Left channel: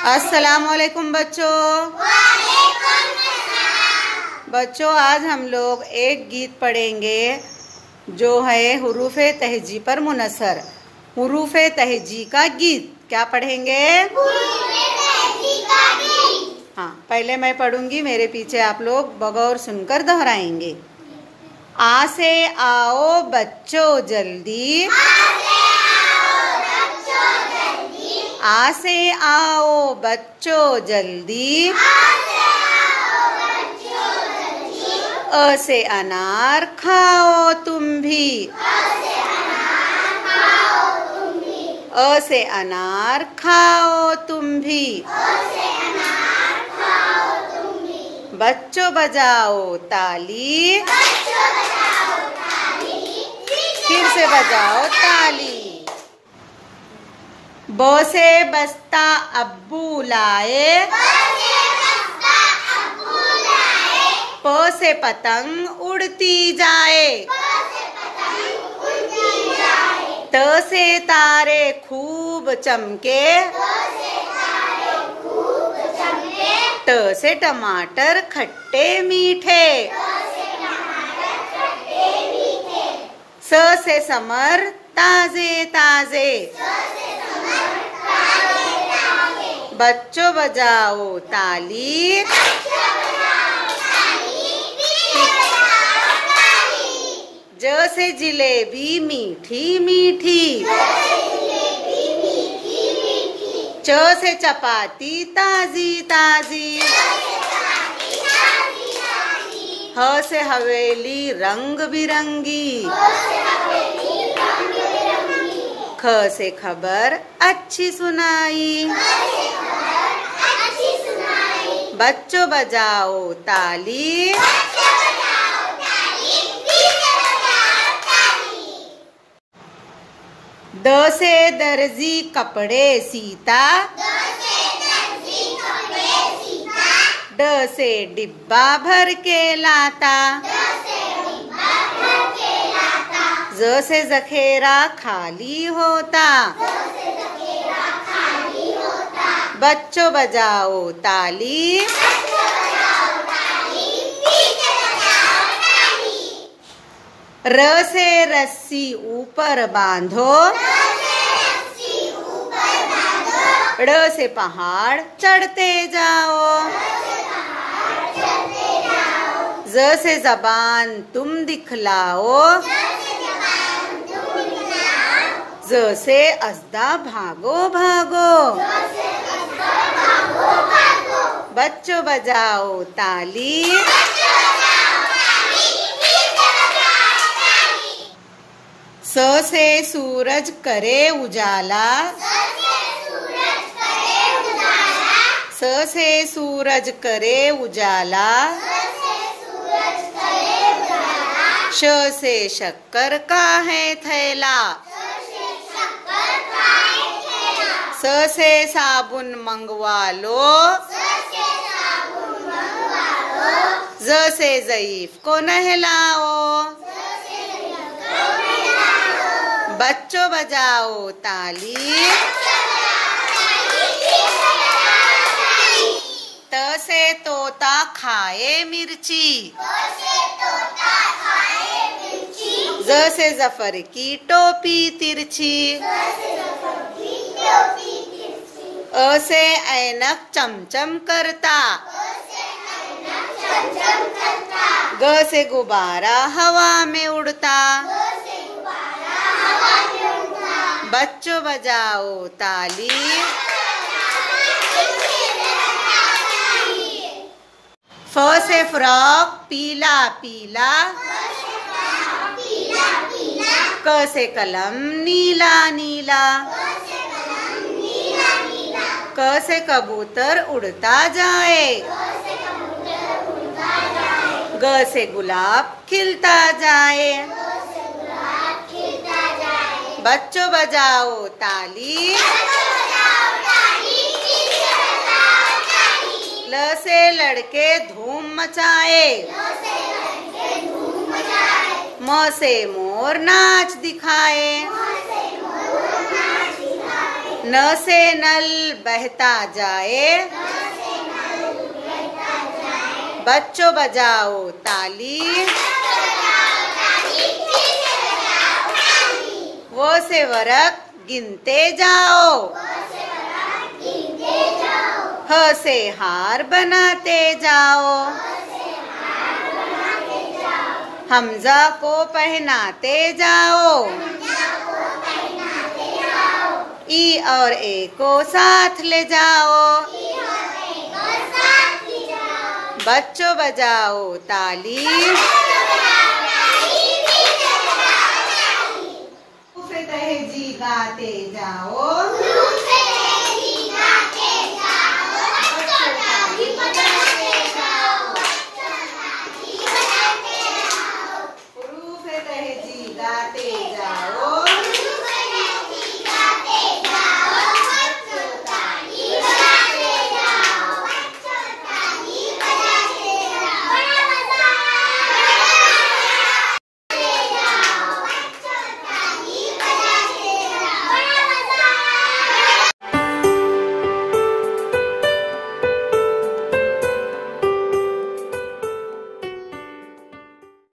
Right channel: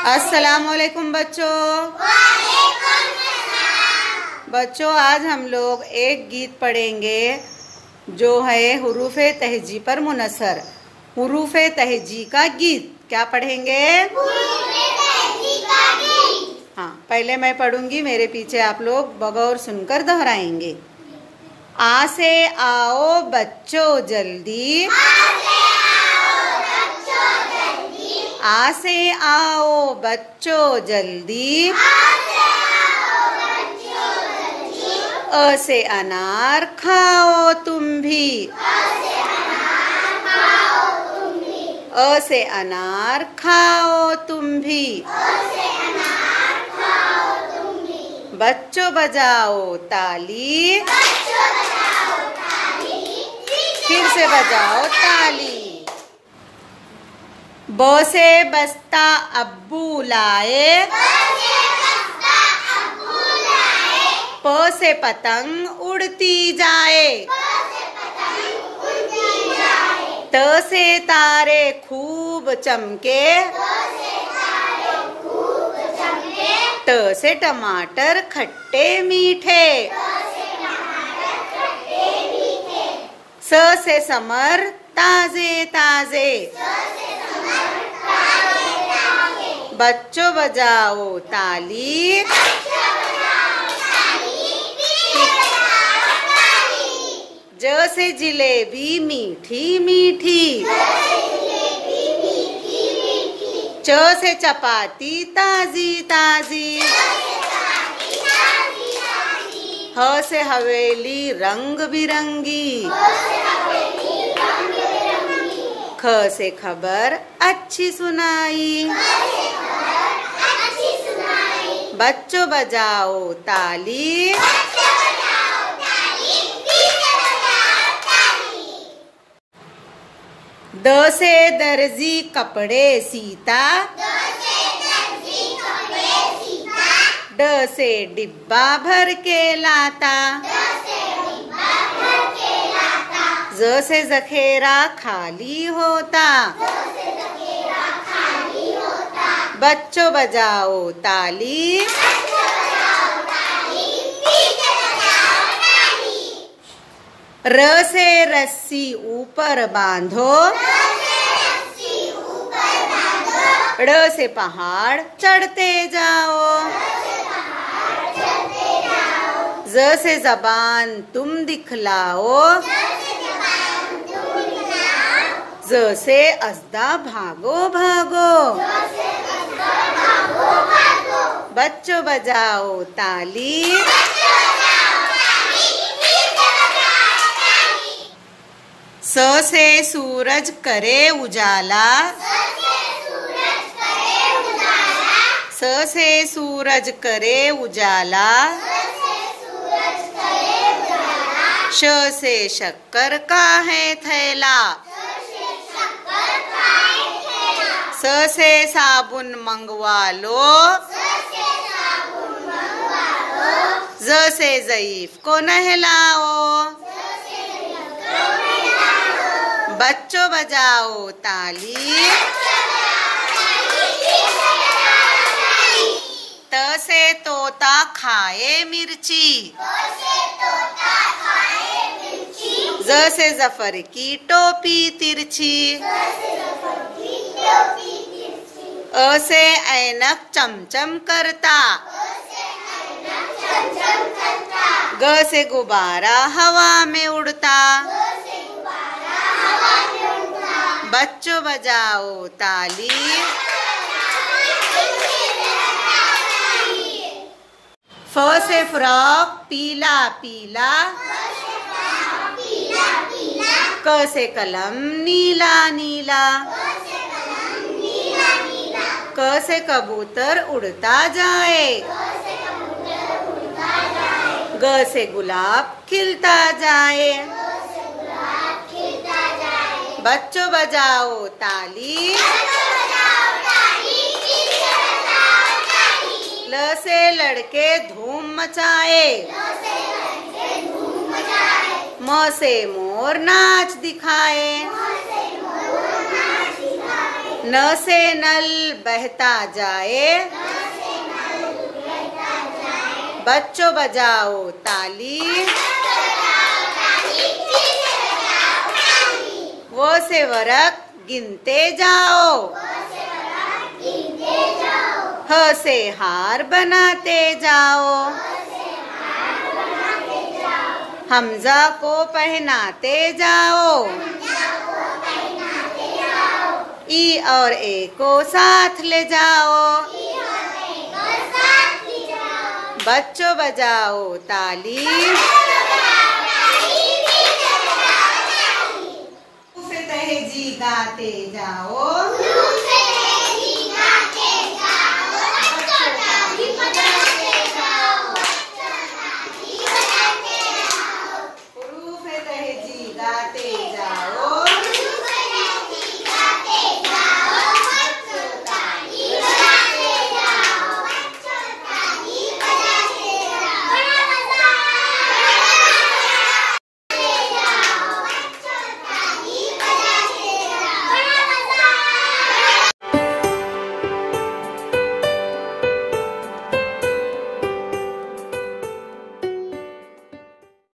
अस्सलामुअलैकुम बच्चों। बच्चों आज हम लोग एक गीत पढ़ेंगे जो है हुरूफ़े तहजी पर मुनसर। हुरूफ़े तहजी का गीत क्या पढ़ेंगे? हाँ, पहले मैं पढ़ूंगी, मेरे पीछे आप लोग बगौर सुनकर दोहराएंगे। आ से आओ बच्चों जल्दी, आ से आओ बच्चों जल्दी, अ से अनार खाओ तुम भी, अ से अनार खाओ तुम भी, बच्चों बजाओ ताली, फिर से बजाओ ताली। ब से बस्ता अब्बू लाए, प से पतंग उड़ती जाए, त से तारे खूब चमके, ट से टमाटर खट्टे मीठे, स से समर ताजे ताजे, बच्चों बजाओ ताली, ज से जिलेबी मीठी मीठी, च से चपाती ताजी ताजी, ह से हवेली रंग बिरंगी, ख से खबर अच्छी सुनाई, बच्चों बजाओ ताली। द से दर्जी कपड़े सीता, ड से डिब्बा भर के लाता, ज से जखेरा खाली होता, बच्चों बजाओ ताली। र से रस्सी ऊपर बांधो, ड़ से पहाड़ चढ़ते जाओ, ज से जबान तुम दिखलाओ, ज से अस्दा भागो भागो, बच्चों बजाओ ताली। स से सूरज करे उजाला, स से सूरज करे उजाला, श से शक्कर का है थैला, स से साबुन मंगवा लो, ज से ज़ईफ को नहलाओ, बच्चों बजाओ ताली। त से तोता खाए मिर्ची, ज से जफर की टोपी तिरछी, अ से ऐनक चमचम करता, ग से गुब्बारा हवा में उड़ता, बच्चों बजाओ ताली। फ से फ्रॉक पीला पीला, क से कलम नीला नीला, क से कबूतर उड़ता जाए, ग से गुलाब खिलता जाए, बच्चों बजाओ ताली। ल से लड़के धूम मचाए, म से मोर नाच दिखाए, न से नल बहता जाए, बच्चों बजाओ ताली, वो से वरक गिनते जाओ, ह से हार बनाते जाओ, हमजा को पहनाते जाओ, ई और ए को साथ ले जाओ, बच्चों बजाओ ताली, तहजी गाते जाओ, गाते जाओ,